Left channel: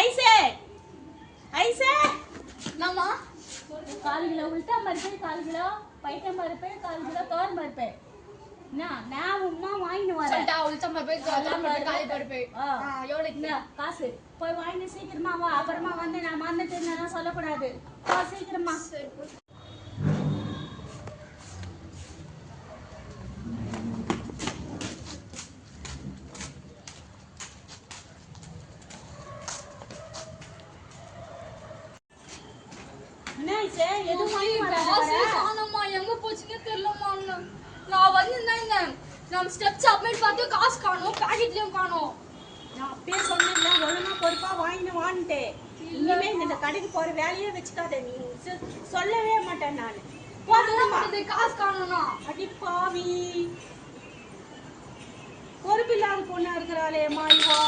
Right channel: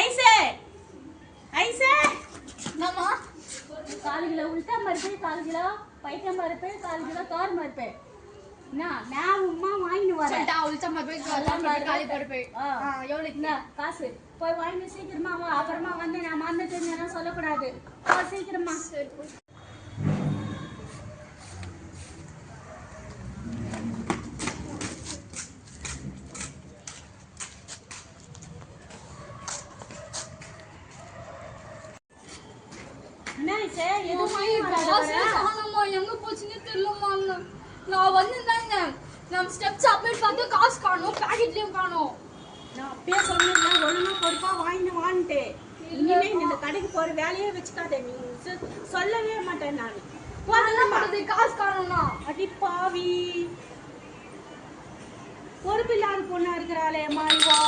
ஐசே ஐசே என்னம்மா 4 கிலோ உளுத்தா பருப்பு 4 கிலோ பைத்தம் பருப்பு 4 கிலோ தோரம் பருப்பு நான் உமா வாங்கிட்டு வரேன். உளுத்தம் பருப்பு காலி பருப்பு எவ்வளோ காசு போய் வாங்கிட்டு சீக்கிரமா வா. அப்புறமா வந்து நான் மறந்துட்டேன்னு சொல்லக்கூடாது. சீக்கிரமா. சரி என்ன ஐசே எதுவும் வாங்கி காணோம்மா எங்க போச்சுன்னே தெரியலம்மா. நான் வந்து நம்ம ஸ்டெப்ஸ் அப்டேட் பார்த்து காசு காணோம், பாக்கெட்லயும் காணோம். நான் அப்பயே சொன்னேன் ஒழுங்கா பொறுப்பா வாங்கிட்டு வான்ட்டு. இனிமே இந்த கடைக்கு போற வேலையே வச்சுக்காத. நீ சொல்லவே மாட்டேன் நான். காசு காணோம்னா அடி பாவி பொறுப்பு இல்லாத பொண்ணா இருக்கிறாளே மாய்வா.